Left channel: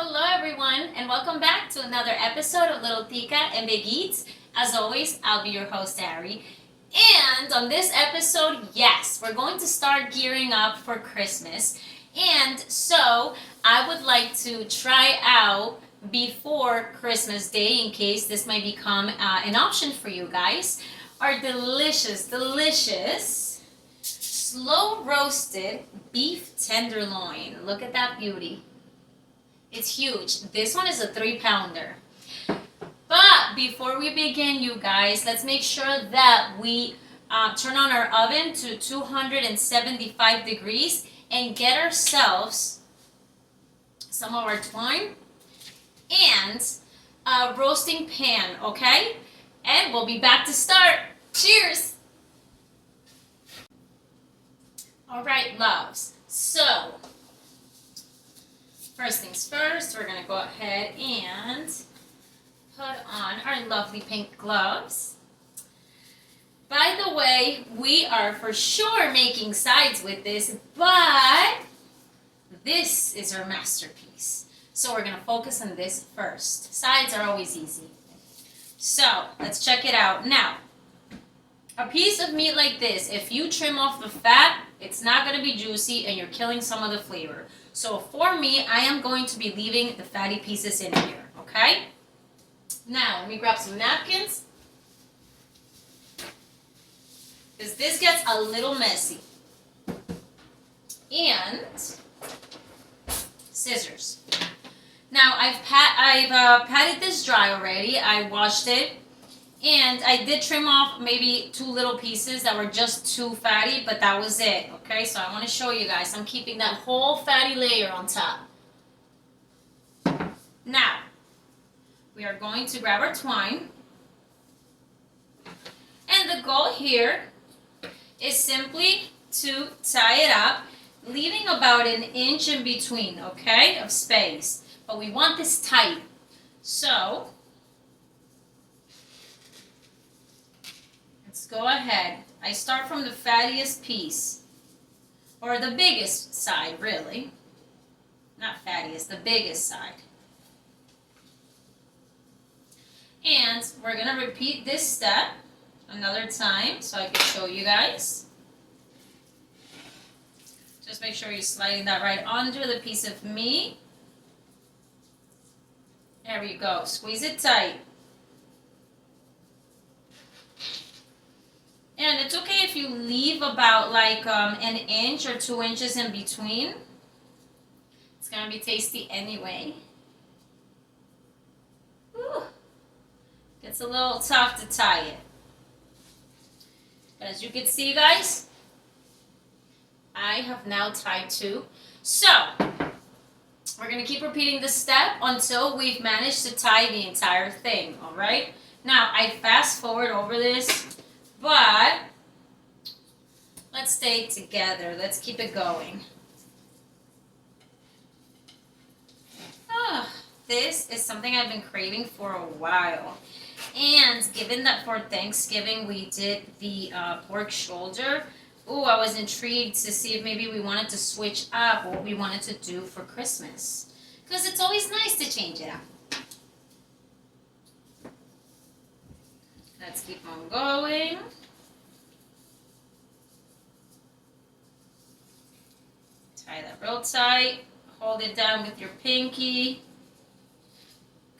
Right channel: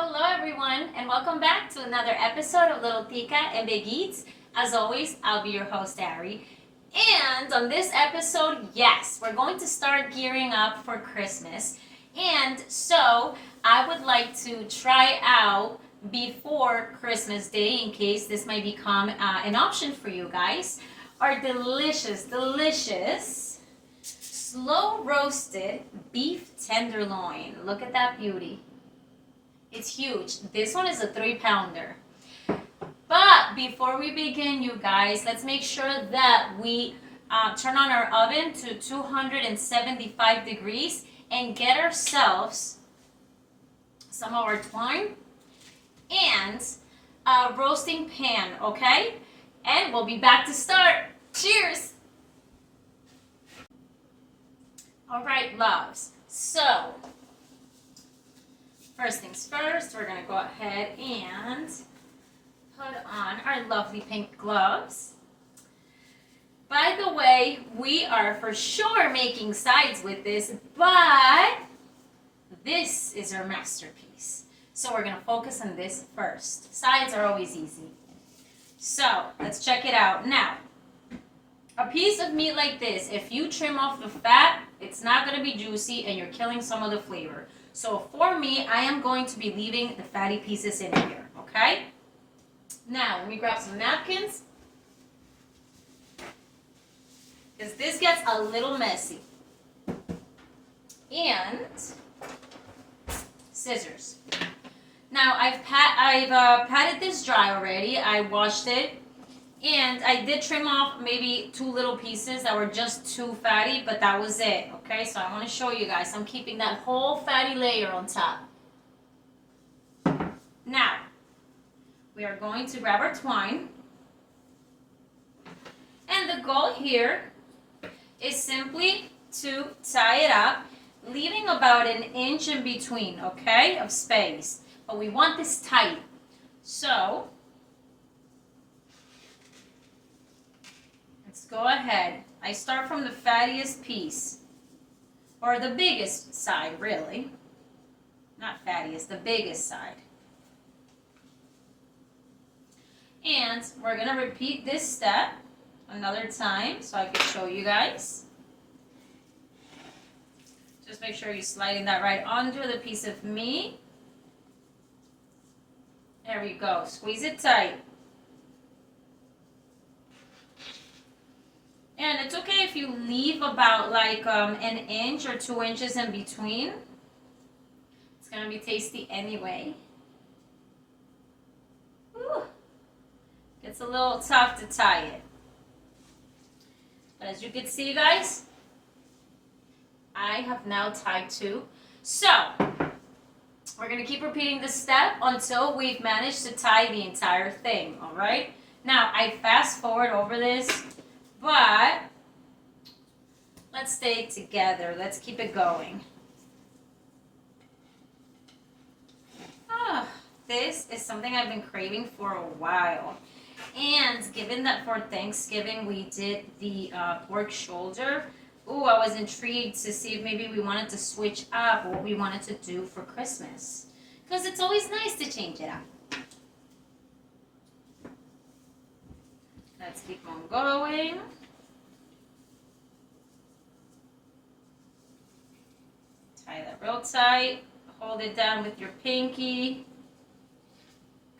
Hello, everyone, and welcome back to another episode of Little Tica and Big Eats. As always, I'll be your host, Ari. And on this episode, yes, we're going to start gearing up for Christmas. And so I would like to try out before Christmas Day, in case this might become an option for you guys, our delicious slow roasted beef tenderloin. Look at that beauty. It's huge. This one is a 3-pounder. But before we begin, you guys, let's make sure that we turn on our oven to 275 degrees and get ourselves some of our twine and a roasting pan, okay? And we'll be back to start. Cheers! All right, loves. So, first things first, we're going to go ahead and put on our lovely pink gloves. By the way, we are for sure making sides with this, but this is our masterpiece. So we're going to focus on this first. Sides are always easy. So let's check it out. Now, a piece of meat like this, if you trim off the fat, it's not going to be juicy and you're killing some of the flavor. So for me, I am going to be leaving the fatty pieces in here, okay? Now, let me grab some napkins, because this gets a little messy. And scissors. Now, I've patted this dry already. I washed it. And I did trim off maybe 2 little pieces that were just too fatty, but that was it, okay? So I want to show you guys. I'm keeping that whole fatty layer on top. Now, we are going to grab our twine. And the goal here is simply to tie it up, leaving about 1 inch in between, okay, of space. But we want this tight. So let's go ahead. I start from the fattiest piece, or the biggest side, really. Not fattiest, the biggest side. And we're going to repeat this step another time so I can show you guys. Just make sure you're sliding that right onto the piece of meat. There we go. Squeeze it tight. And it's okay if you leave about like 1 inch or 2 inches in between. It's going to be tasty anyway. Ooh. It's a little tough to tie it. But as you can see, guys, I have now tied 2. So, we're going to keep repeating this step until we've managed to tie the entire thing, all right? Now, I fast forward over this, but let's stay together. Let's keep it going. This is something I've been craving for a while. And given that for Thanksgiving we did the pork shoulder, I was intrigued to see if maybe we wanted to switch up what we wanted to do for Christmas. Because it's always nice to change it up. Let's keep on going. Tie that real tight. Hold it down with your pinky.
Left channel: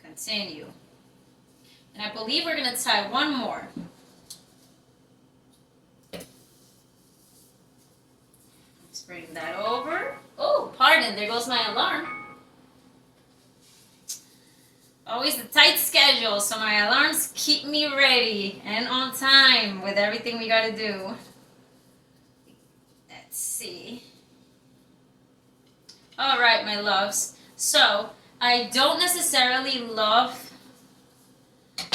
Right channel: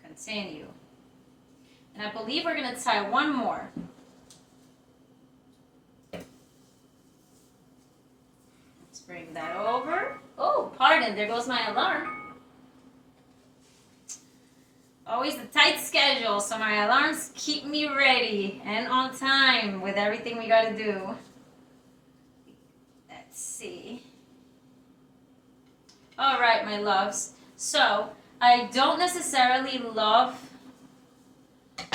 Continue. And I believe we're going to tie 1 more. Let's bring that over. Oh, pardon, there goes my alarm. Always the tight schedule, so my alarms keep me ready and on time with everything we got to do. Let's see. All right, my loves. So, I don't necessarily love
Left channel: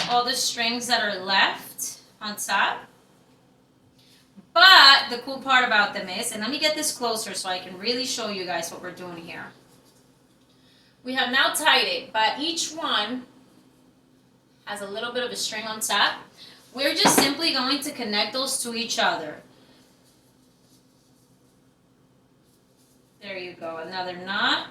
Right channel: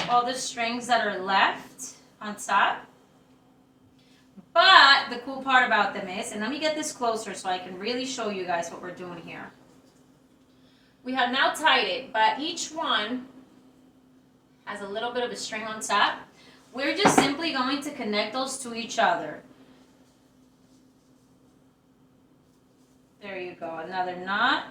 all the strings that are left on top. But the cool part about them is, and let me get this closer so I can really show you guys what we're doing here. We have now tied it, but each one has a little bit of a string on top. We're just simply going to connect those to each other. There you go, another knot.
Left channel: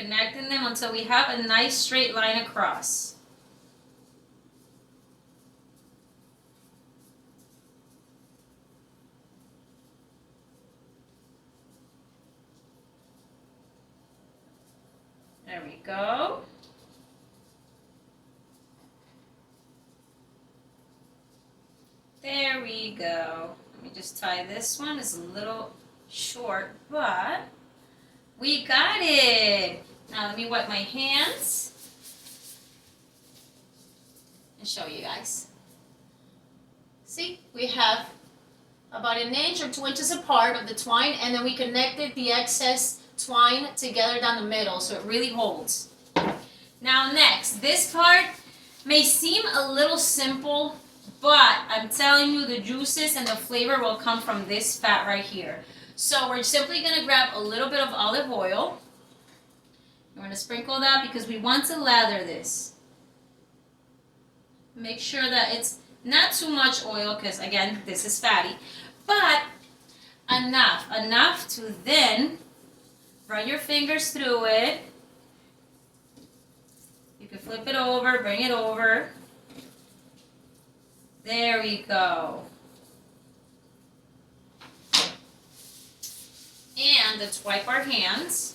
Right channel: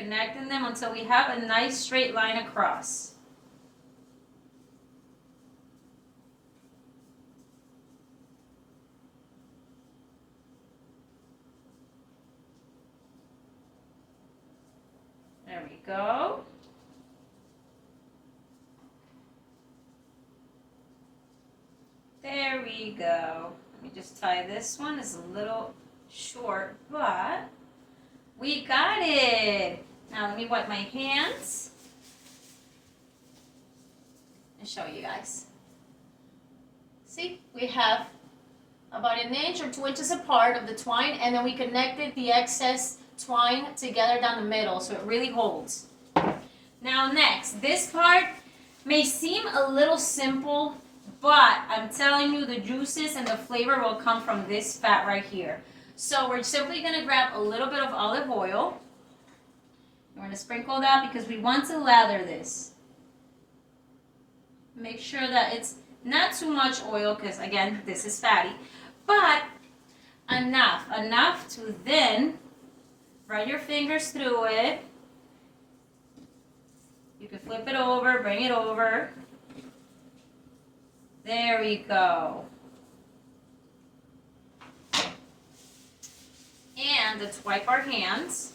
connecting them until we have a nice straight line across. There we go. There we go. Let me just tie this one. It's a little short, but we got it. Now let me wipe my hands and show you guys. See, we have about 1 inch or 2 inches apart of the twine, and then we connected the excess twine together down the middle so it really holds. Now next, this part may seem a little simple, but I'm telling you, the juices and the flavor will come from this fat right here. So we're simply going to grab a little bit of olive oil. We're going to sprinkle that because we want to lather this. Make sure that it's not too much oil because, again, this is fatty, but enough to then run your fingers through it. You can flip it over, bring it over. There we go. And let's wipe our hands.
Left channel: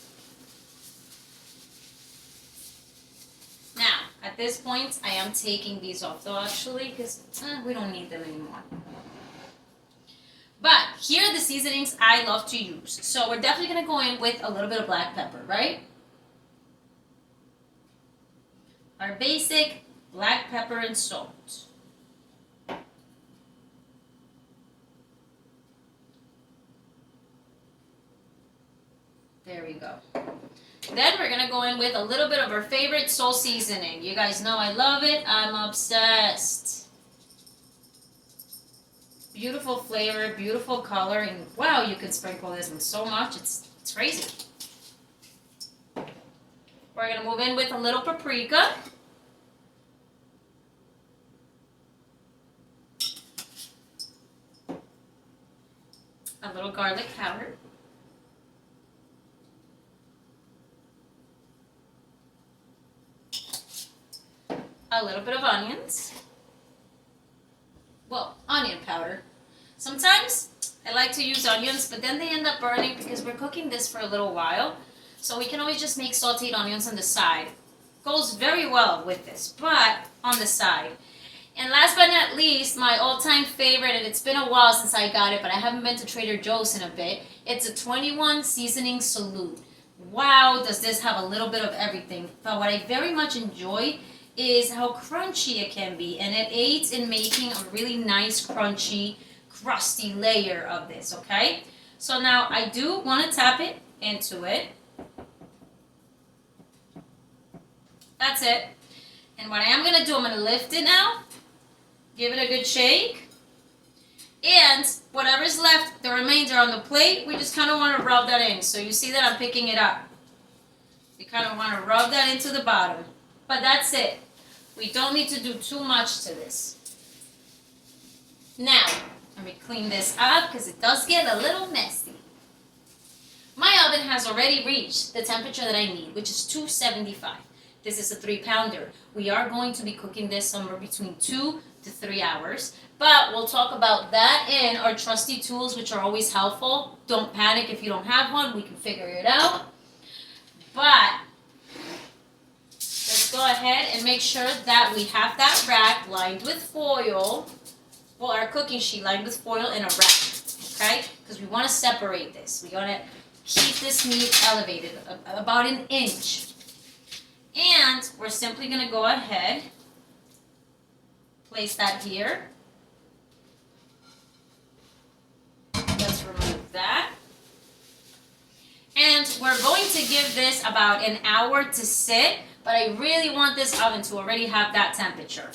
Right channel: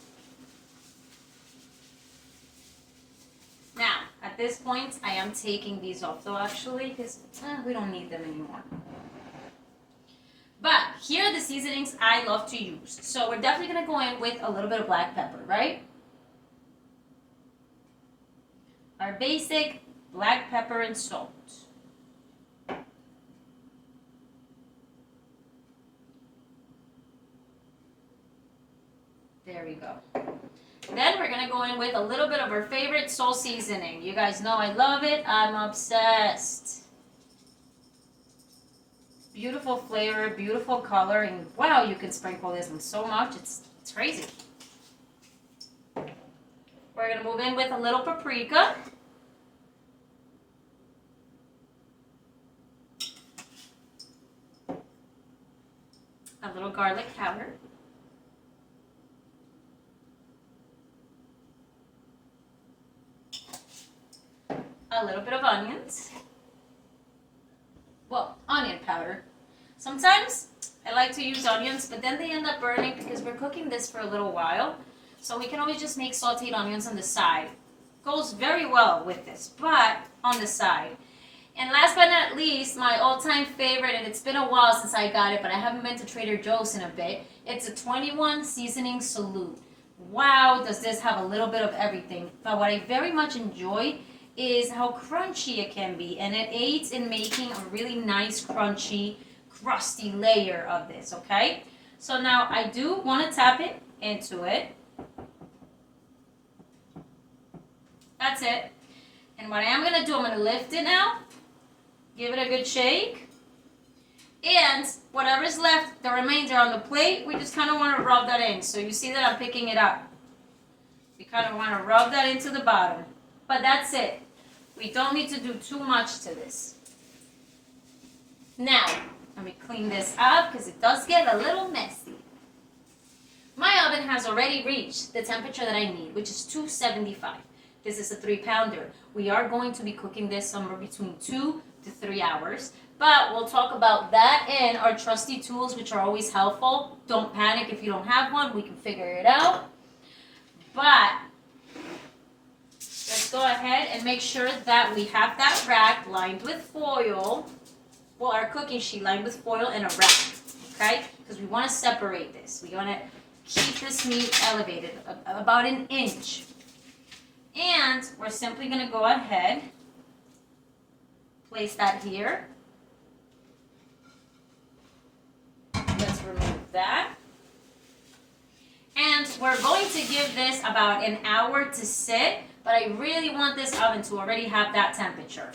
Now, at this point, I am taking these off though, actually, because we don't need them anymore. But here are the seasonings I love to use. So we're definitely going to go in with a little bit of black pepper, right? Our basic black pepper and salt. There we go. Then we're going to go in with a little bit of our favorite salt seasoning. You guys know I love it. I'm obsessed. Beautiful flavor, beautiful color, and wow, you can sprinkle this in so much. It's crazy. We're going to move in with a little paprika. A little garlic powder. A little bit of onions. Well, onion powder. Sometimes I like to use onions, but then they end up burning because we're cooking this for a little while. So we can always just make sauteed onions on the side. Goes very well with this, but on the side. And last but not least, my all-time favorite, and it's been a while since I got it, but I haven't been to Trader Joe's in a bit. It's a 21 seasoning salute. Wow, does this have a little bit of everything. But what I very much enjoy is how crunchy it can be, and it aids in making a really nice crunchy crusty layer of this. Okay, so now I do want to tap it into it. That's it. And what I am going to do, I'm going to lift it now, give it a good shake, and whatever's left, the remainder on the plate, we just kind of want to rub that in. So you see that I'm picking it up. We kind of want to rub that into the bottom. But that's it. We don't need to do too much to this. Now, let me clean this up because it does get a little messy. My oven has already reached the temperature that I need, which is 275. This is a 3-pounder. We are going to be cooking this somewhere between 2 to 3 hours. But we'll talk about that in our trusty tools, which are always helpful. Don't panic if you don't have one. We can figure it out. But let's go ahead and make sure that we have that rack lined with foil. Well, our cooking sheet lined with foil and a rack, okay? Because we want to separate this. We want to keep this meat elevated about 1 inch. And we're simply going to go ahead, place that here. Let's remove that. And we're going to give this about 1 hour to sit, but I really want this oven to already have that temperature.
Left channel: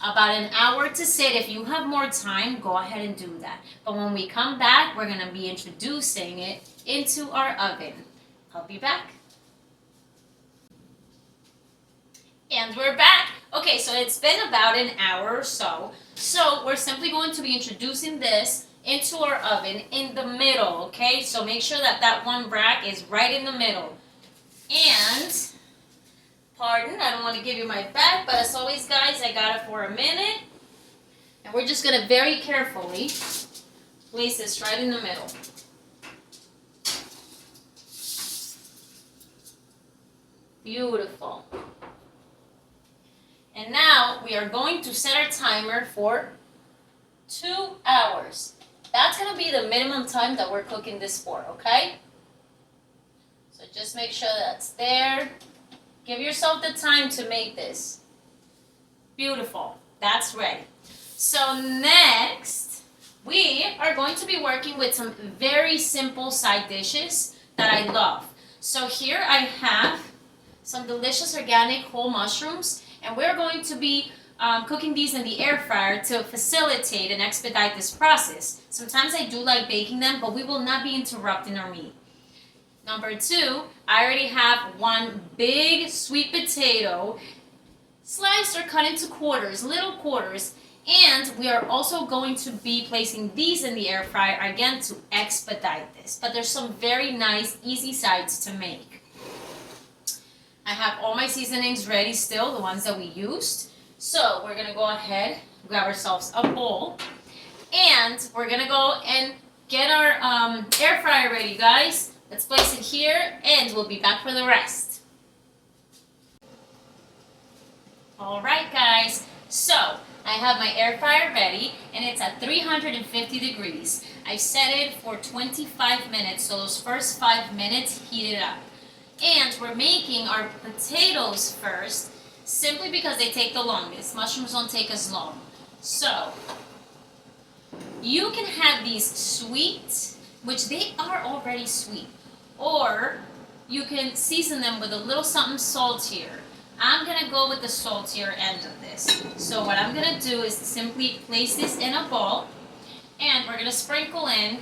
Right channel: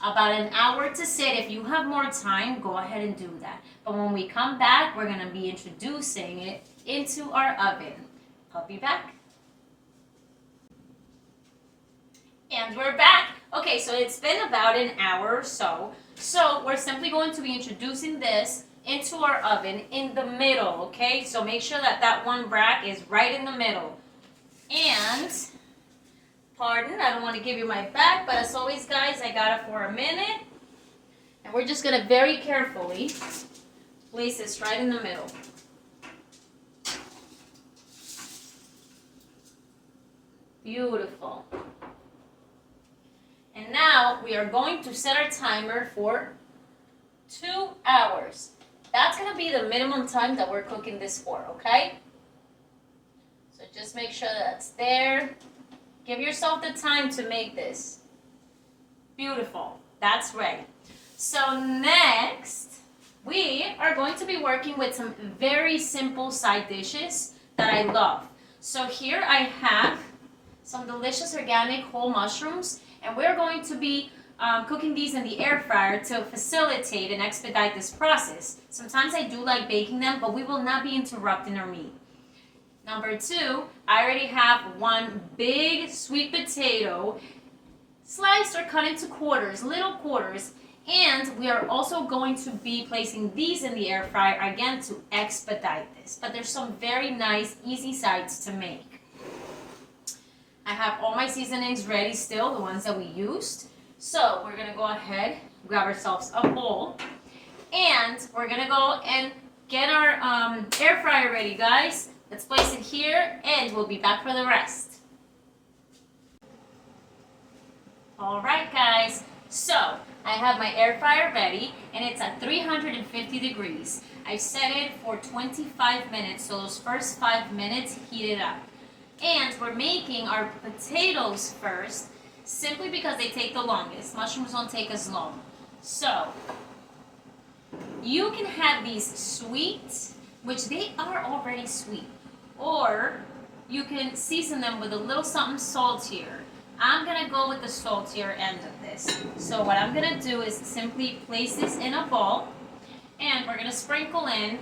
About 1 hour to sit. If you have more time, go ahead and do that. But when we come back, we're going to be introducing it into our oven. I'll be back. And we're back. Okay, so it's been about 1 hour or so. So we're simply going to be introducing this into our oven in the middle, okay? So make sure that that one rack is right in the middle. And, pardon, I don't want to give you my back, but as always, guys, I got it for a minute. And we're just going to very carefully place this right in the middle. Beautiful. And now we are going to set our timer for 2 hours. That's going to be the minimum time that we're cooking this for, okay? So just make sure that's there. Give yourself the time to make this. Beautiful. That's ready. So next, we are going to be working with some very simple side dishes that I love. So here I have some delicious organic whole mushrooms, and we're going to be cooking these in the air fryer to facilitate and expedite this process. Sometimes I do like baking them, but we will not be interrupting our meat. Number 2, I already have one big sweet potato sliced or cut into quarters, little quarters, and we are also going to be placing these in the air fryer again to expedite this. But there's some very nice, easy sides to make. I have all my seasonings ready still, the ones that we used. So we're gonna go ahead, grab ourselves a bowl, and we're gonna go and get our air fryer ready, guys. Let's place it here, and we'll be back for the rest. All right, guys. So I have my air fryer ready, and it's at 350 degrees. I set it for 25 minutes, so those first 5 minutes heat it up. And we're making our potatoes first, simply because they take the longest. Mushrooms don't take as long. So you can have these sweet, which they are already sweet, or you can season them with a little something saltier. I'm gonna go with the saltier end of this. So what I'm gonna do is simply place this in a bowl, and we're gonna sprinkle in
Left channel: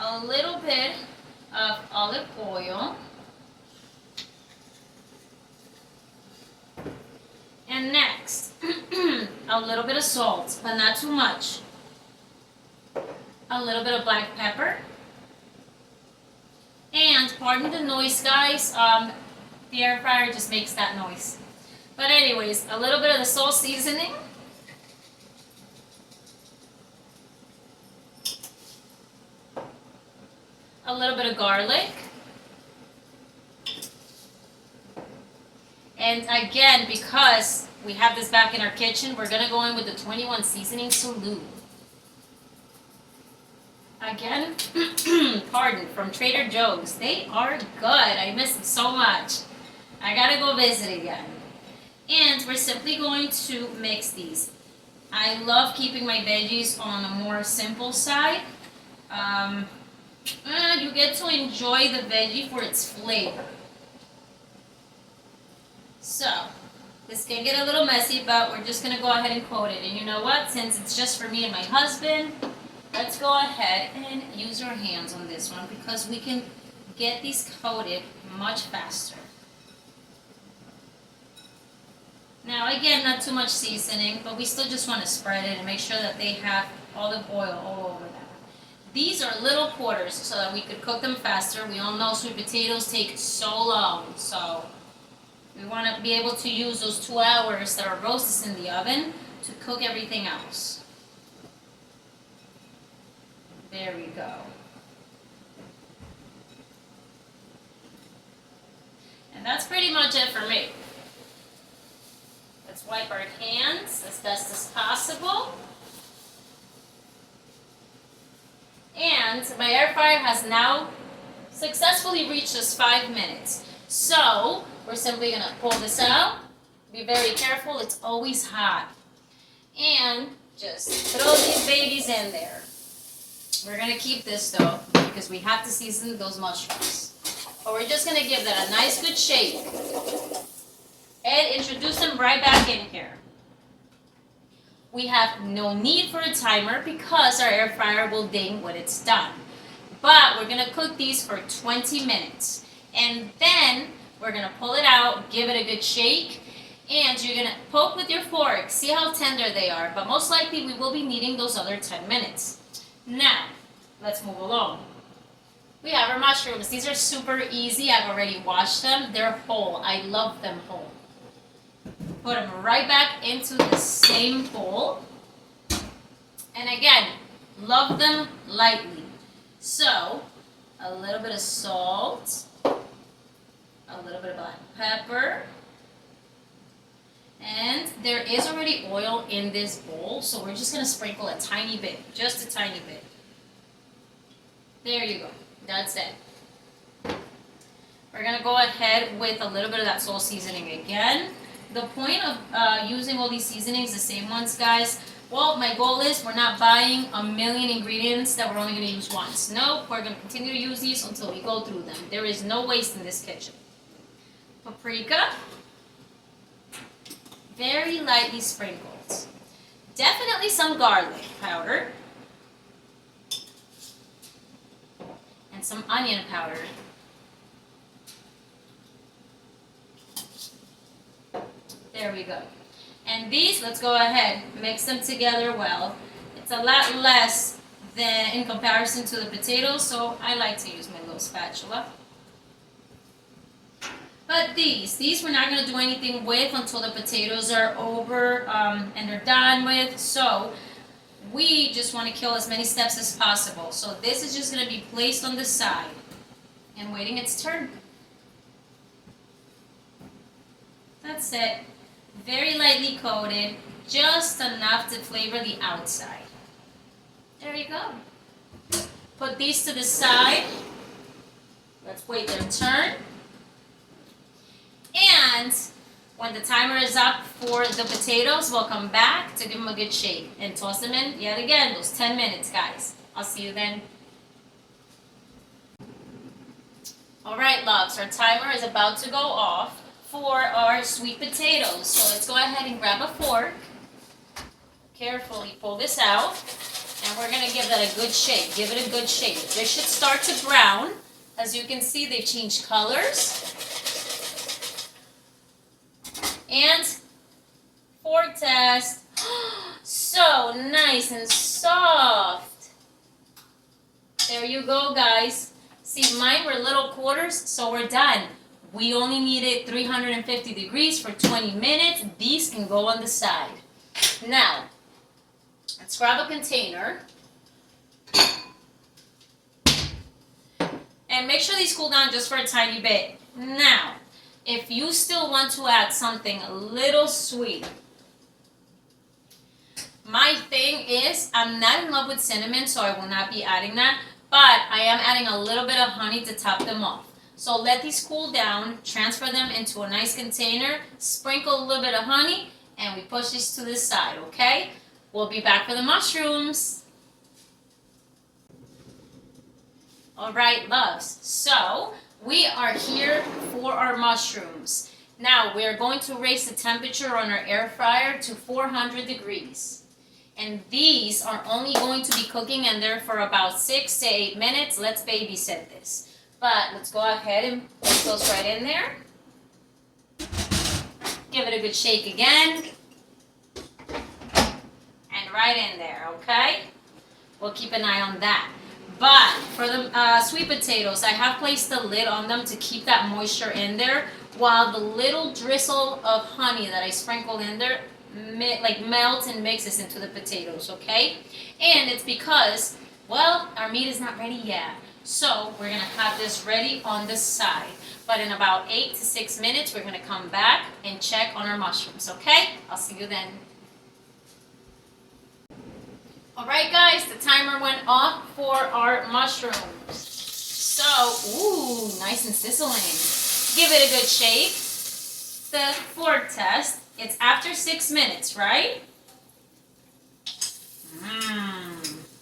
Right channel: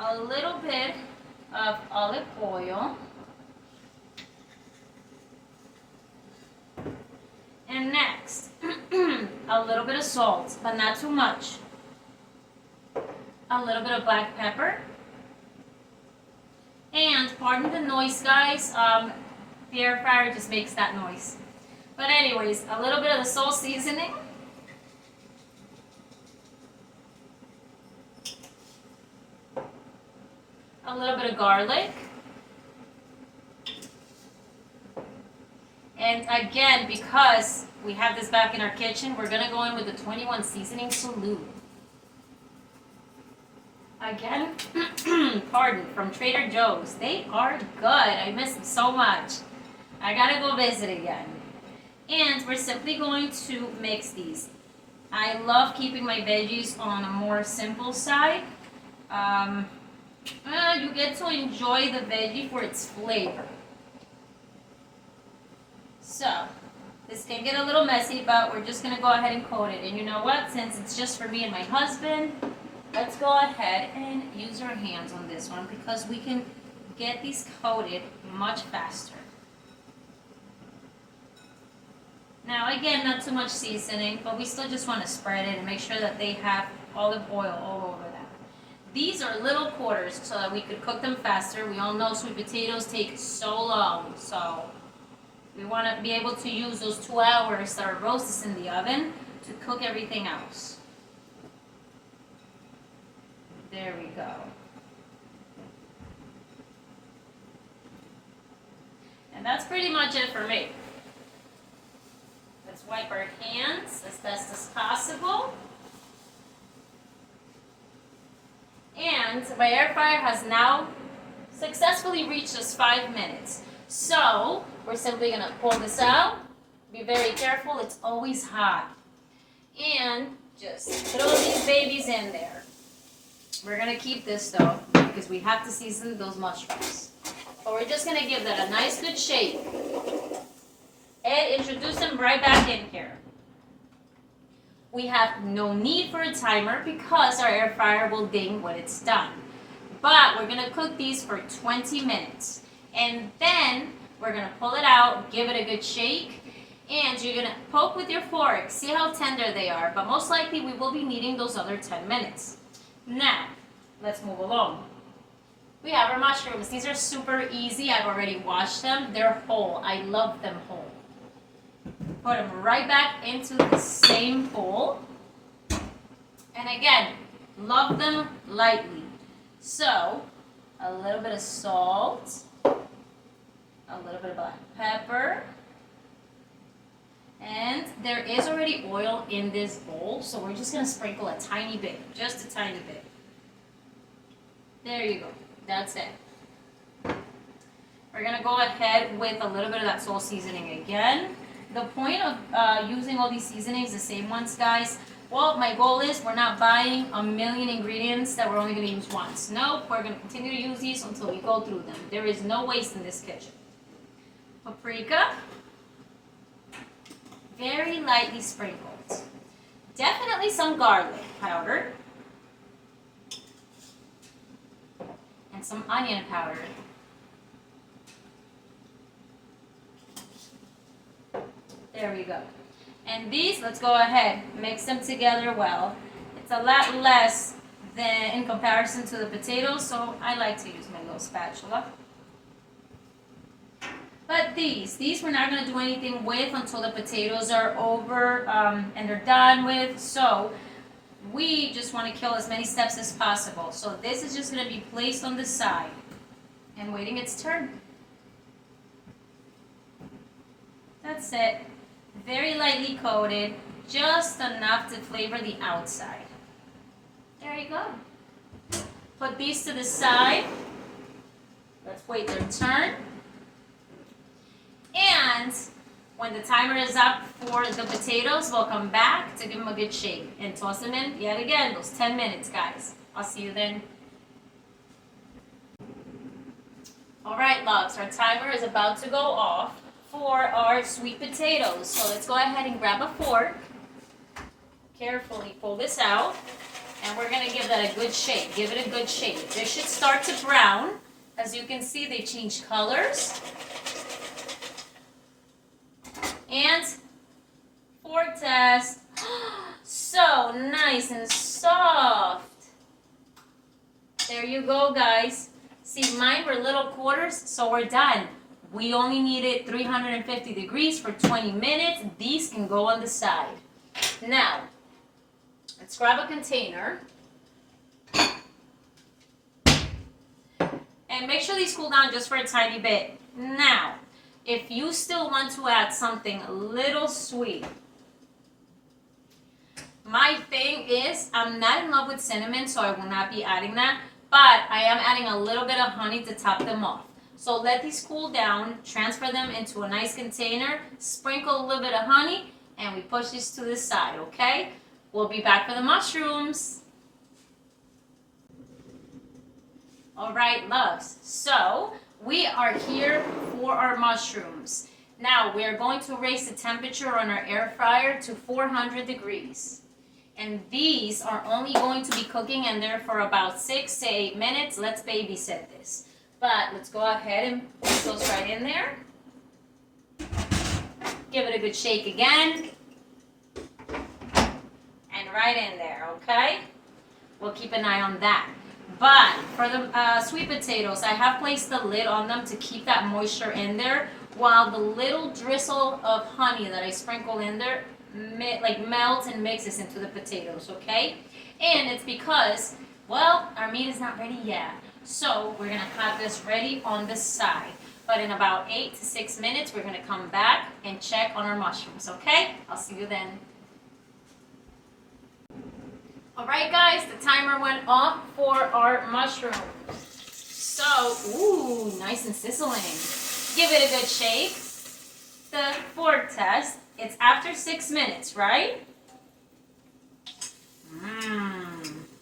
a little bit of olive oil. And next, a little bit of salt, but not too much. A little bit of black pepper. And pardon the noise, guys, the air fryer just makes that noise. But anyways, a little bit of the salt seasoning. A little bit of garlic. And again, because we have this back in our kitchen, we're gonna go in with the 21 seasoning salute. Again, pardon, from Trader Joe's. They are good. I miss them so much. I gotta go visit again. And we're simply going to mix these. I love keeping my veggies on a more simple side. You get to enjoy the veggie for its flavor. So, this can get a little messy, but we're just gonna go ahead and coat it. And you know what? Since it's just for me and my husband, let's go ahead and use our hands on this one because we can get these coated much faster. Now again, not too much seasoning, but we still just want to spread it and make sure that they have olive oil all over them. These are little quarters so that we could cook them faster. We all know sweet potatoes take so long, so we want to be able to use those 2 hours that are roasted in the oven to cook everything else. There we go. And that's pretty much it for me. Let's wipe our hands as best as possible. And my air fryer has now successfully reached us 5 minutes. So we're simply gonna pull this out. Be very careful, it's always hot. And just throw these babies in there. We're gonna keep this though, because we have to season those mushrooms. But we're just gonna give that a nice good shake. And introduce them right back in here. We have no need for a timer because our air fryer will ding when it's done. But we're gonna cook these for 20 minutes. And then we're gonna pull it out, give it a good shake, and you're gonna poke with your fork, see how tender they are, but most likely we will be needing those other 10 minutes. Now, let's move along. We have our mushrooms. These are super easy. I've already washed them. They're whole. I love them whole. Put them right back into the same bowl. And again, love them lightly. So, a little bit of salt, a little bit of black pepper, and there is already oil in this bowl, so we're just going to sprinkle a tiny bit, just a tiny bit. There you go. That's it. We're going to go ahead with a little bit of that salt seasoning again. The point of using all these seasonings, the same ones, guys, well, my goal is we're not buying a million ingredients that we're only going to use once. No, we're going to continue to use these until we go through them. There is no waste in this kitchen. Paprika. Very lightly sprinkled. Definitely some garlic powder. And some onion powder. There we go. And these, let's go ahead, mix them together well. It's a lot less than in comparison to the potatoes, so I like to use my little spatula. But these we're not going to do anything with until the potatoes are over and they're done with. So we just want to kill as many steps as possible. So this is just going to be placed on the side and waiting its turn. That's it. Very lightly coated, just enough to flavor the outside. There you go. Put these to the side. Let's wait their turn. And when the timer is up for the potatoes, we'll come back to give them a good shake and toss them in yet again, those 10 minutes, guys. I'll see you then. All right, loves, our timer is about to go off for our sweet potatoes. So let's go ahead and grab a fork. Carefully pull this out. And we're going to give that a good shake. Give it a good shake. This should start to brown. As you can see, they've changed colors. And fork test. So nice and soft. There you go, guys. See, mine were little quarters, so we're done. We only needed 350 degrees for 20 minutes. These can go on the side. Now, let's grab a container. And make sure these cool down just for a tiny bit. Now, if you still want to add something a little sweet, my thing is, I'm not in love with cinnamon, so I will not be adding that. But I am adding a little bit of honey to top them off. So let these cool down, transfer them into a nice container, sprinkle a little bit of honey, and we push this to the side, okay? We'll be back for the mushrooms. All right, loves. So we are here for our mushrooms. Now we're going to raise the temperature on our air fryer to 400 degrees. And these are only going to be cooking in there for about 6 to 8 minutes. Let's babysit this. But let's go ahead and put those right in there. Give it a good shake again. And right in there, okay? We'll keep an eye on that. But for the sweet potatoes, I have placed the lid on them to keep that moisture in there, while the little drizzle of honey that I sprinkle in there melts and mixes into the potatoes, okay? And it's because, well, our meat is not ready yet. So we're going to have this ready on the side. But in about 8 to 6 minutes, we're going to come back and check on our mushrooms, okay? I'll see you then. All right, guys, the timer went off for our mushrooms. So, ooh, nice and sizzling. Give it a good shake. The fork test. It's after 6 minutes, right?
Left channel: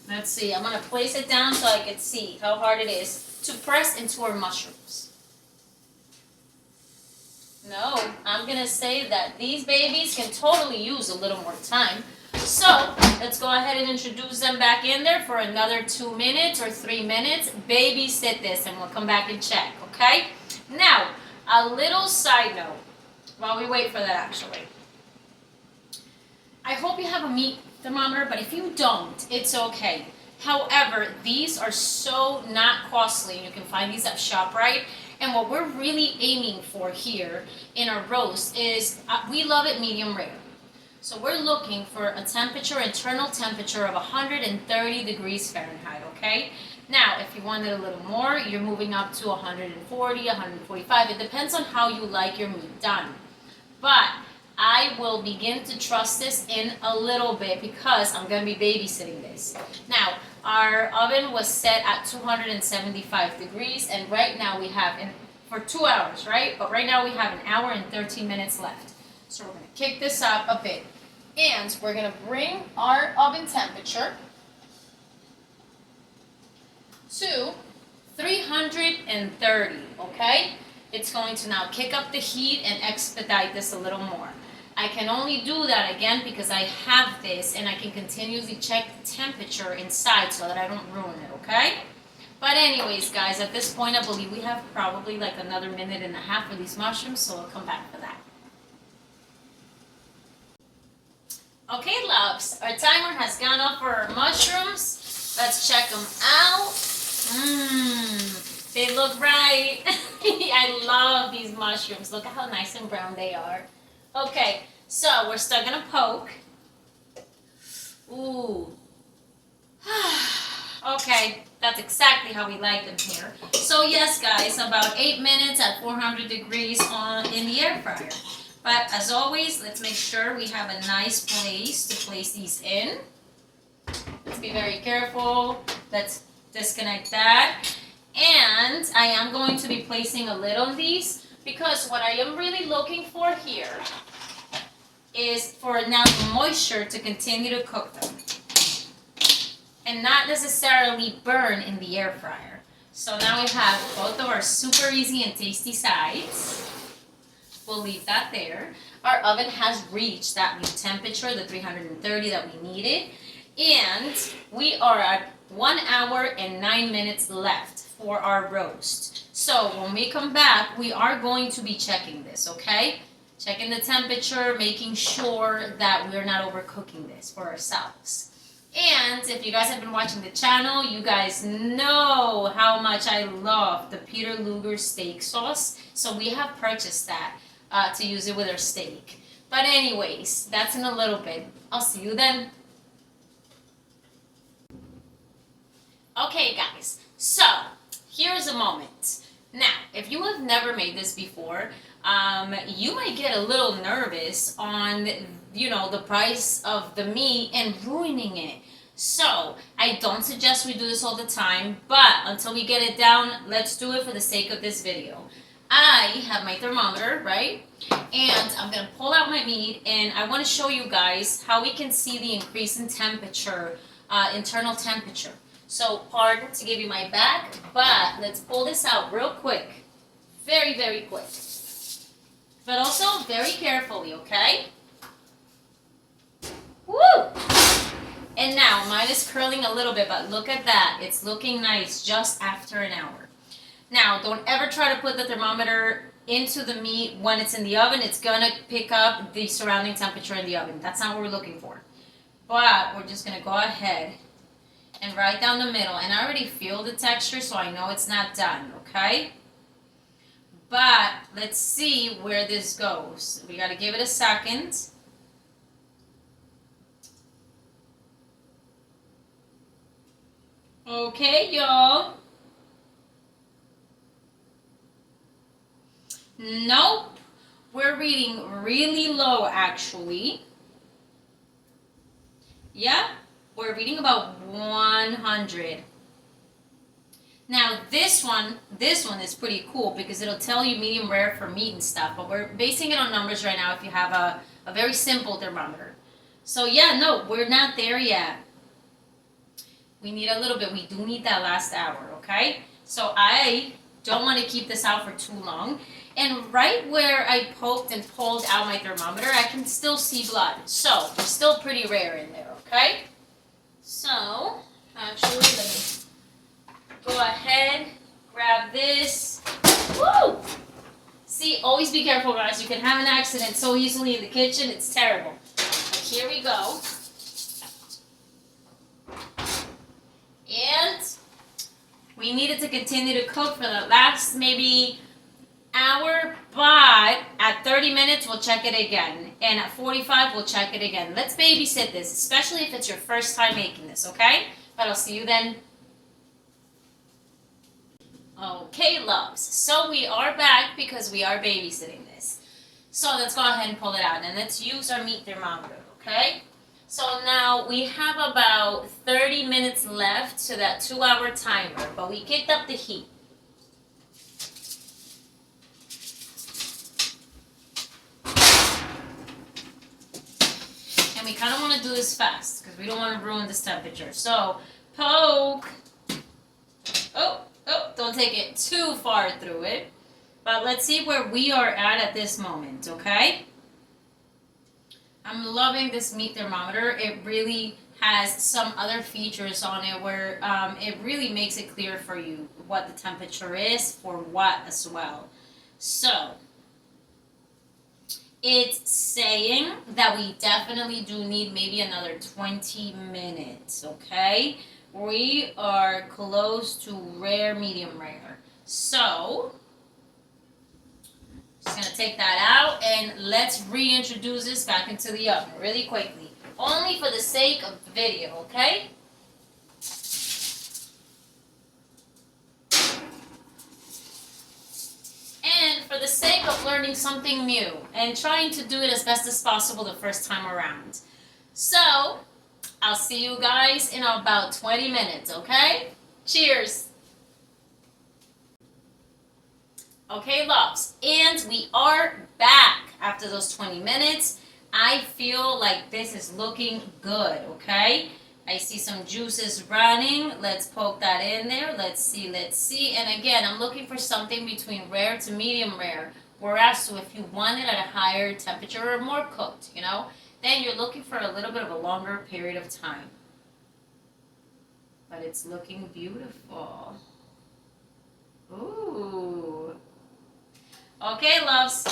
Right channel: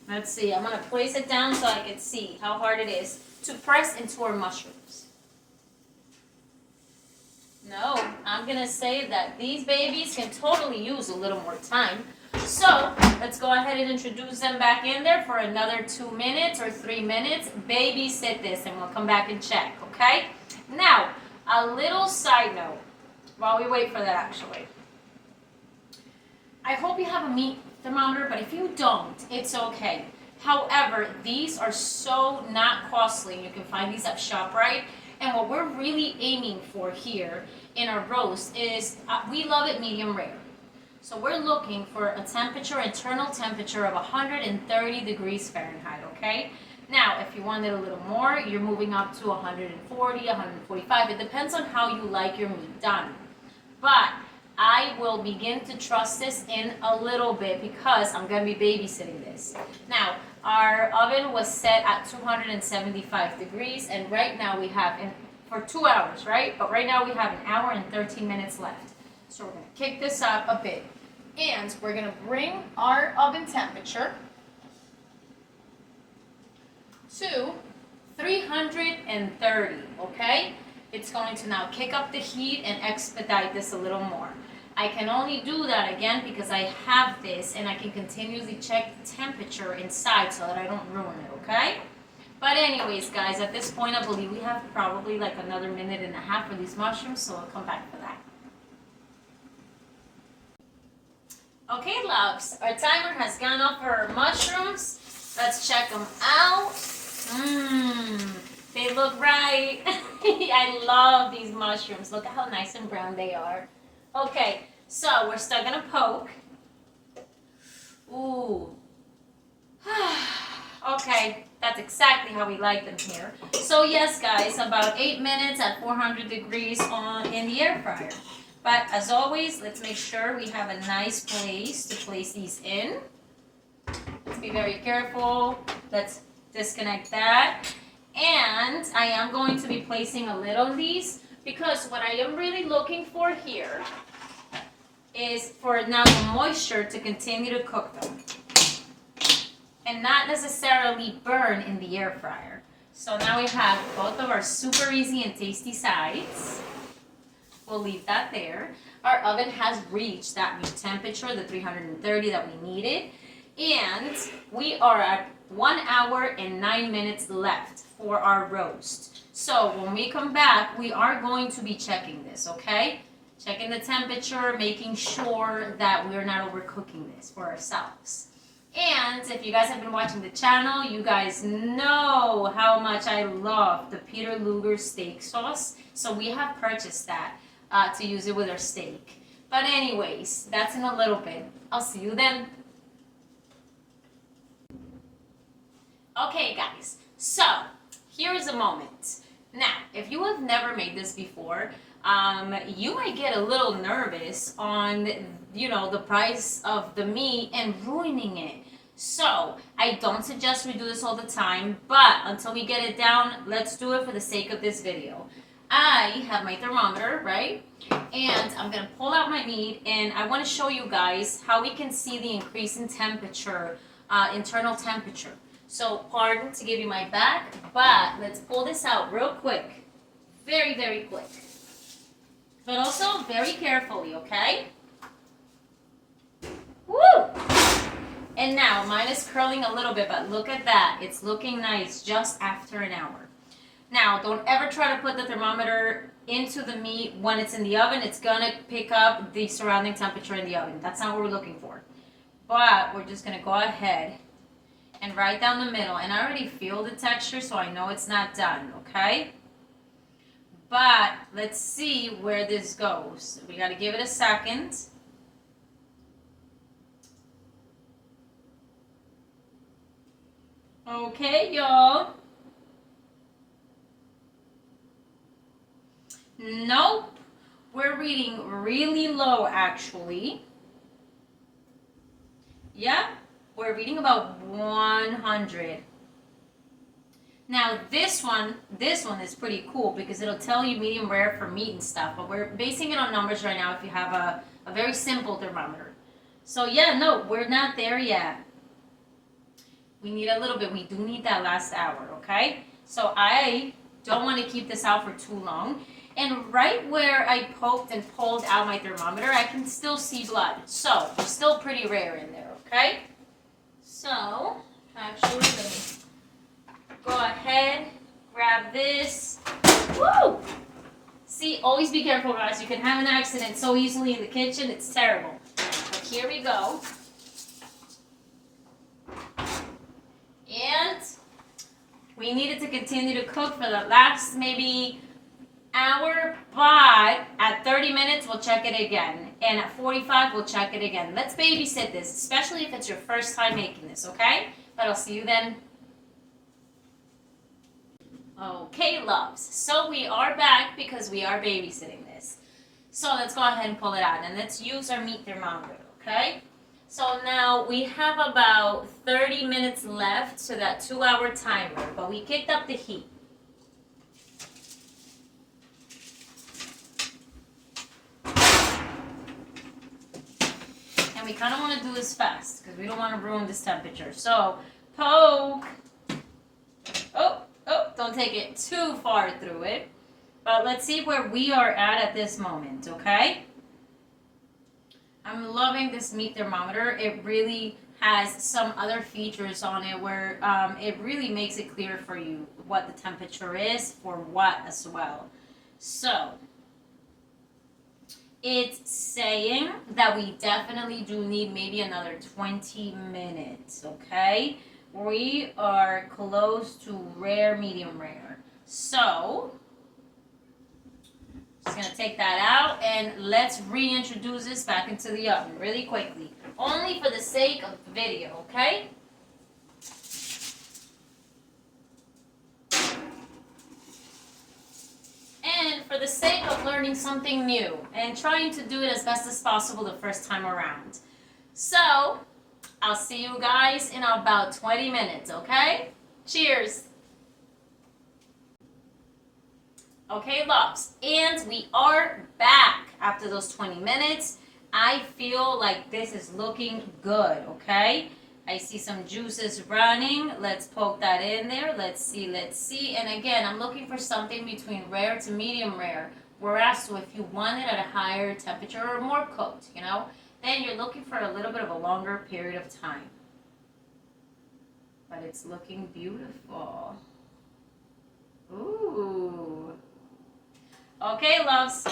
Let's see. I'm going to place it down so I can see how hard it is to press into our mushrooms. No, I'm going to say that these babies can totally use a little more time. So let's go ahead and introduce them back in there for another 2 minutes or 3 minutes. Babysit this and we'll come back and check, okay? Now, a little side note while we wait for that actually. I hope you have a meat thermometer, but if you don't, it's okay. However, these are so not costly. You can find these at ShopRite. And what we're really aiming for here in our roast is, we love it medium rare. So we're looking for a temperature, internal temperature of 130 degrees Fahrenheit, okay? Now, if you want it a little more, you're moving up to 140, 145. It depends on how you like your meat done. But I will begin to trust this in a little bit because I'm going to be babysitting this. Now, our oven was set at 275 degrees, and right now we have, for 2 hours, right? But right now we have 1 hour and 13 minutes left. So we're going to kick this up a bit. And we're going to bring our oven temperature to 330, okay? It's going to now kick up the heat and expedite this a little more. I can only do that again because I have this and I can continuously check the temperature inside so that I don't ruin it, okay? But anyways, guys, at this point I believe we have probably like another minute and a half for these mushrooms, so I'll come back for that. Okay, loves, our timer has gone off for our mushrooms. Let's check them out. They look right. I love these mushrooms. Look at how nice and brown they are. Okay, so we're still gonna poke. Ooh. Okay, that's exactly how we like them here. So yes, guys, about 8 minutes at 400 degrees in the air fryer. But as always, let's make sure we have a nice place to place these in. Let's be very careful. Let's disconnect that. And I am going to be placing a lid on these because what I am really looking for here is for now the moisture to continue to cook them and not necessarily burn in the air fryer. So now we have both of our super easy and tasty sides. We'll leave that there. Our oven has reached that new temperature, the 330 that we needed. And we are at 1 hour and 9 minutes left for our roast. So when we come back, we are going to be checking this, okay? Checking the temperature, making sure that we're not overcooking this for ourselves. And if you guys have been watching the channel, you guys know how much I love the Peter Luger steak sauce. So we have purchased that to use it with our steak. But anyways, that's in a little bit. I'll see you then. Okay, guys, so here's a moment. Now, if you have never made this before, you might get a little nervous on, the price of the meat and ruining it. So, I don't suggest we do this all the time, but until we get it down, let's do it for the sake of this video. I have my thermometer, right? And I'm going to pull out my meat, and I want to show you guys how we can see the increase in temperature, internal temperature. So, pardon to give you my back, but let's pull this out real quick. Very, very quick. But also very carefully, okay? Woo! And now, mine is curling a little bit, but look at that. It's looking nice just after an hour. Now, don't ever try to put the thermometer into the meat when it's in the oven. It's going to pick up the surrounding temperature in the oven. That's not what we're looking for. But we're just going to go ahead and right down the middle. And I already feel the texture, so I know it's not done, okay? But let's see where this goes. We got to give it a second. Okay, y'all. Nope. We're reading really low, actually. Yeah, we're reading about 100. Now this one is pretty cool because it'll tell you medium rare for meat and stuff, but we're basing it on numbers right now if you have a very simple thermometer. So yeah, no, we're not there yet. We need a little bit. We do need that last hour, okay? So I don't want to keep this out for too long. And right where I poked and pulled out my thermometer, I can still see blood. So we're still pretty rare in there, okay? So actually, let me go ahead, grab this. Woo! See, always be careful, guys. You can have an accident so easily in the kitchen. It's terrible. But here we go. We need it to continue to cook for the last maybe hour, but at 30 minutes we'll check it again, and at 45 we'll check it again. Let's babysit this, especially if it's your first time making this, okay? But I'll see you then. Okay, loves, so we are back because we are babysitting this. So let's go ahead and pull it out, and let's use our meat thermometer, okay? So now we have about 30 minutes left to that 2-hour timer, but we kicked up the heat. And we kind of want to do this fast because we don't want to ruin this temperature. So poke. Oh, don't take it too far through it. But let's see where we are at this moment, okay? I'm loving this meat thermometer. It really has some other features on it where it really makes it clear for you what the temperature is for what as well. So it's saying that we definitely do need maybe another 20 minutes, okay? We are close to rare, medium rare. So just gonna take that out and let's reintroduce this back into the oven really quickly. Only for the sake of the video, okay? And for the sake of learning something new and trying to do it as best as possible the first time around. So, I'll see you guys in about 20 minutes, okay? Cheers! Okay, loves, and we are back after those 20 minutes. I feel like this is looking good, okay? I see some juices running. Let's poke that in there. Let's see. And again, I'm looking for something between rare to medium rare. Whereas, so if you want it at a higher temperature or more cooked, you know, then you're looking for a little bit of a longer period of time. But it's looking beautiful. Ooh. Okay, loves.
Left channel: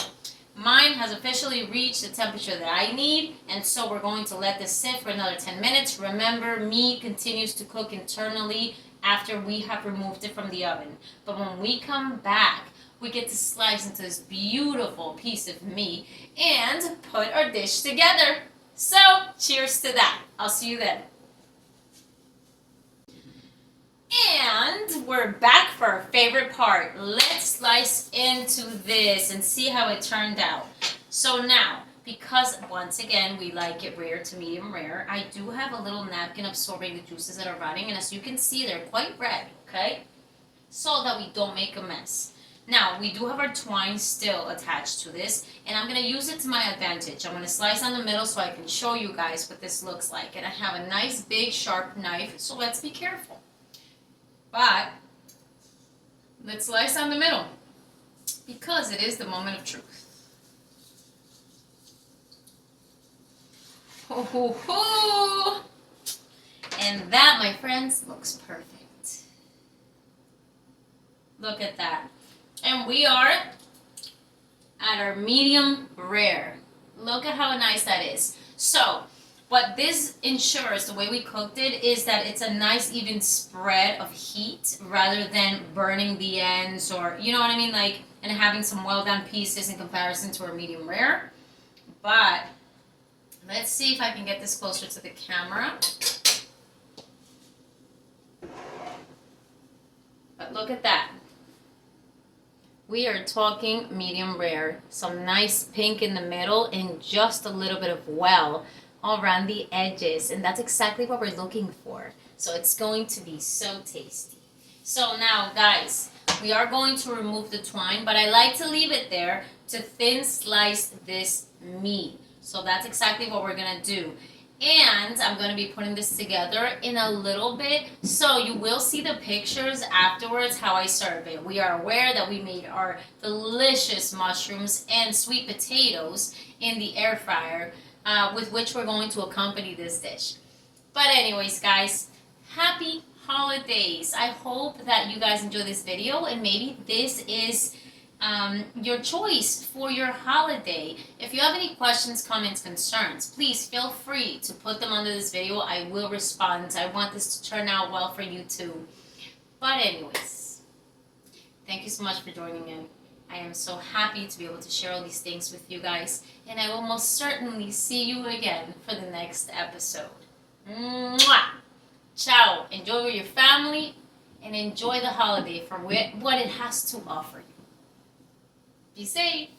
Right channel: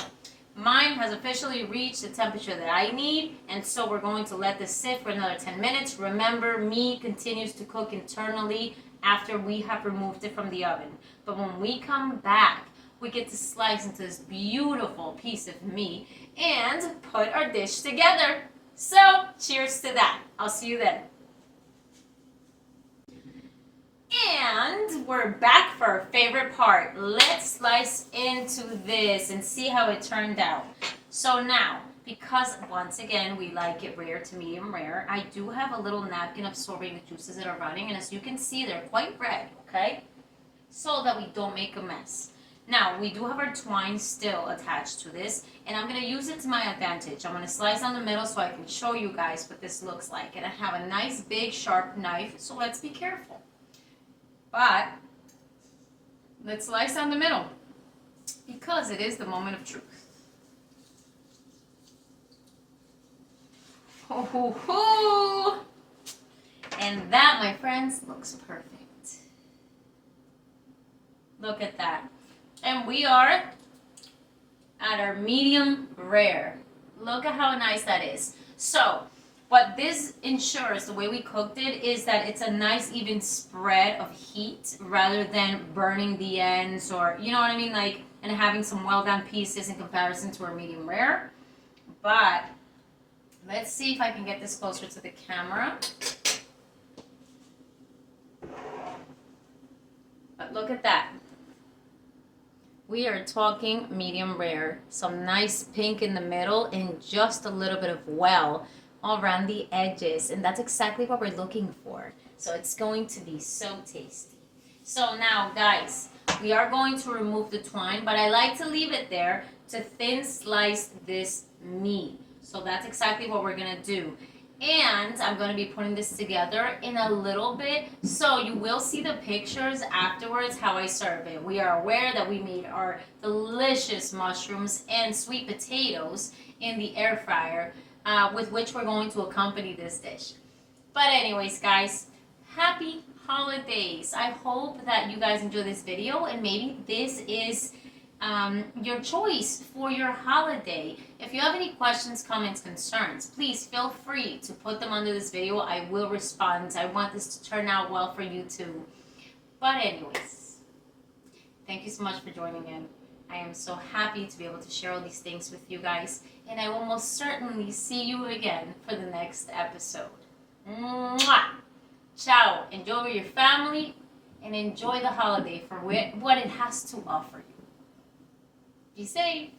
Mine has officially reached the temperature that I need, and so we're going to let this sit for another 10 minutes. Remember, meat continues to cook internally after we have removed it from the oven. But when we come back, we get to slice into this beautiful piece of meat and put our dish together. So, cheers to that. I'll see you then. And we're back for our favorite part. Let's slice into this and see how it turned out. So now, because once again we like it rare to medium rare, I do have a little napkin absorbing the juices that are running, and as you can see, they're quite red, okay? So that we don't make a mess. Now, we do have our twine still attached to this, and I'm going to use it to my advantage. I'm going to slice down the middle so I can show you guys what this looks like. And I have a nice big sharp knife, so let's be careful. But let's slice down the middle because it is the moment of truth. Ho, ho, ho. And that, my friends, looks perfect. Look at that. And we are at our medium rare. Look at how nice that is. So what this ensures, the way we cooked it, is that it's a nice even spread of heat rather than burning the ends or, you know what I mean, like, and having some well done pieces in comparison to our medium rare. But let's see if I can get this closer to the camera. But look at that. We are talking medium rare. Some nice pink in the middle and just a little bit of well all around the edges, and that's exactly what we're looking for. So it's going to be so tasty. So now, guys, we are going to remove the twine, but I like to leave it there to thin slice this meat. So that's exactly what we're gonna do. And I'm going to be putting this together in a little bit, so you will see the pictures afterwards how I serve it. We are aware that we made our delicious mushrooms and sweet potatoes in the air fryer, with which we're going to accompany this dish. But anyways, guys, happy holidays. I hope that you guys enjoy this video, and maybe this is your choice for your holiday. If you have any questions, comments, concerns, please feel free to put them under this video. I will respond. I want this to turn out well for you too. But anyways, thank you so much for joining in. I am so happy to be able to share all these things with you guys, and I will most certainly see you again for the next episode. Mwah! Ciao. Enjoy with your family and enjoy the holiday for what it has to offer you. Be safe.